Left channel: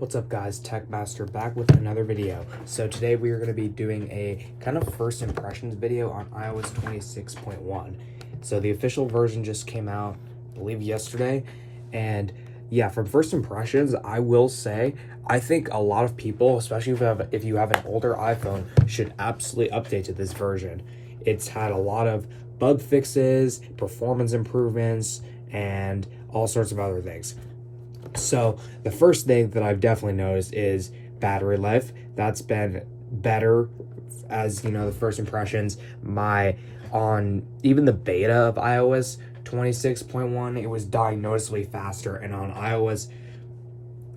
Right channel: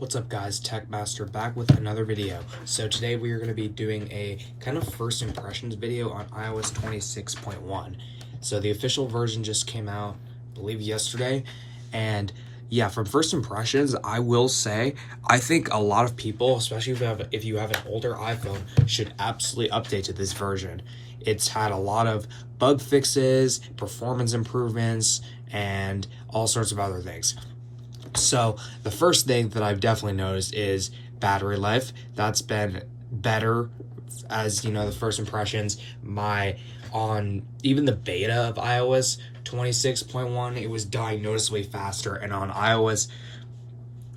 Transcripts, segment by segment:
What's up guys, Techmaster back with another video. So today we are going to be doing a kind of first impressions video on iOS 26.1. So the official version just came out, I believe yesterday, and yeah, from first impressions, I will say, I think a lot of people, especially if you have an older iPhone, should absolutely update to this version. It's had a lot of bug fixes, performance improvements, and all sorts of other things. So the first thing that I've definitely noticed is battery life. That's been better, as you know, the first impressions. On even the beta of iOS 26.1, it was dying noticeably faster, and on iOS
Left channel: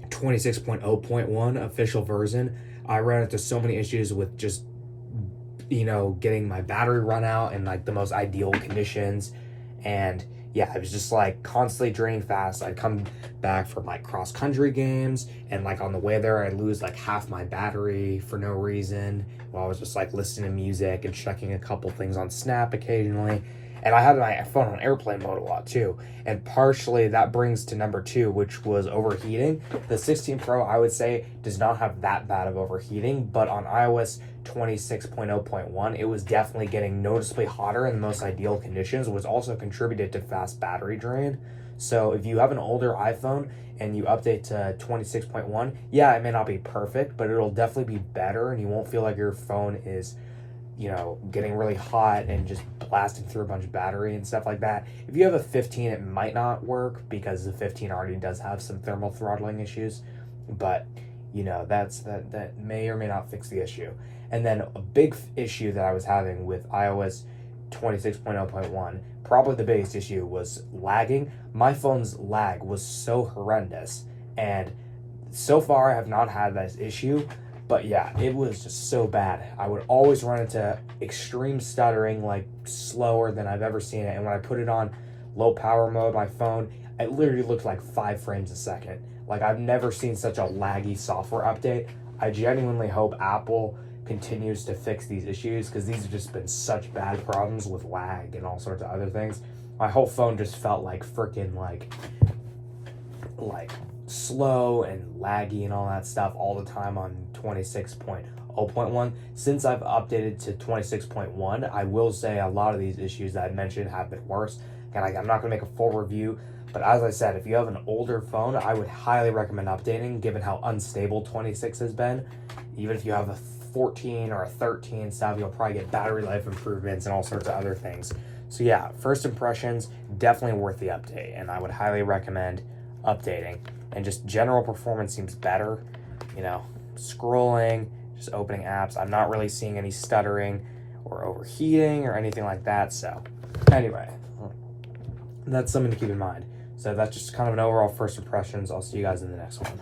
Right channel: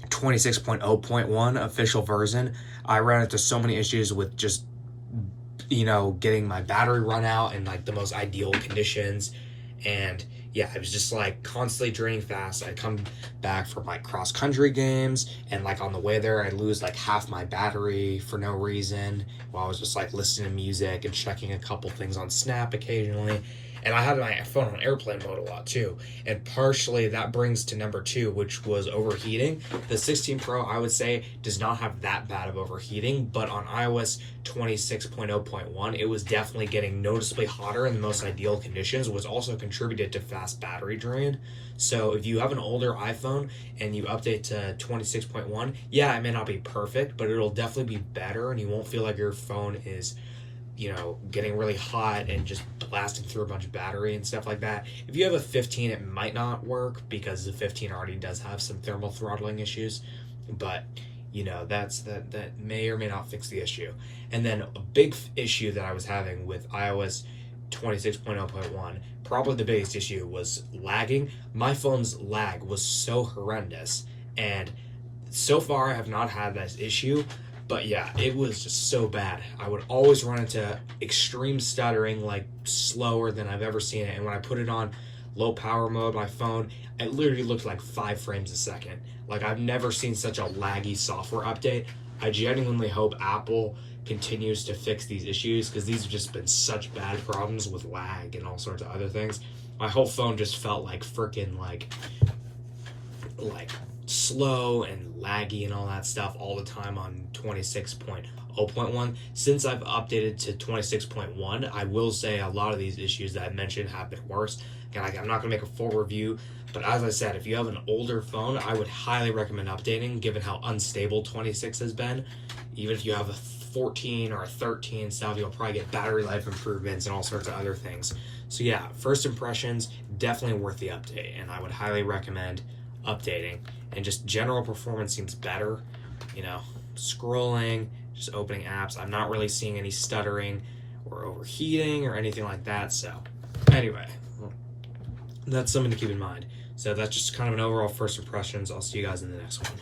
26.0.1 official version, I ran into so many issues with just getting my battery run out in like the most ideal conditions. And yeah, it was just like constantly draining fast. I'd come back from like cross country games, and like on the way there, I'd lose like half my battery for no reason while I was just like listening to music and checking a couple things on Snap occasionally. And I had my phone on airplane mode a lot too. And partially that brings to number two, which was overheating. The 16 Pro, I would say, does not have that bad of overheating, but on iOS 26.0.1, it was definitely getting noticeably hotter in the most ideal conditions, which also contributed to fast battery drain. So if you have an older iPhone and you update to 26.1, yeah, it may not be perfect, but it'll definitely be better, and you won't feel like your phone is getting really hot and just blasting through a bunch of battery and stuff like that. If you have a 15, it might not work because the 15 already does have some thermal throttling issues, but that may or may not fix the issue. And then a big issue that I was having with iOS 26.0.1, probably the biggest issue, was lagging. My phone's lag was so horrendous, and so far I have not had this issue. But yeah, it was just so bad. I would always run into extreme stuttering, like slower than I've ever seen it. And when I put it on low power mode, my phone, it literally looked like 5 frames a second. Like, I've never seen such a laggy software update. I genuinely hope Apple continues to fix these issues, because these have just been such bad problems with lag and all sorts of other things. My whole phone just felt like freaking like slow and laggy and all that stuff all the time on 26.0.1. Since I've updated to 26.1, I will say a lot of these issues that I mentioned have been worse. And I'm not going to make a full review, but as I said, if you have an older phone, I would highly recommend updating, given how unstable 26 has been. Even if you have a 14 or a 13 stuff, you'll probably get battery life improvements and all sorts of other things. So yeah, first impressions, definitely worth the update, and I would highly recommend updating. And just general performance seems better, scrolling, just opening apps. I'm not really seeing any stuttering or overheating or anything like that. So anyway, that's something to keep in mind. So that's just kind of an overall first impressions. I'll see you guys in the next one.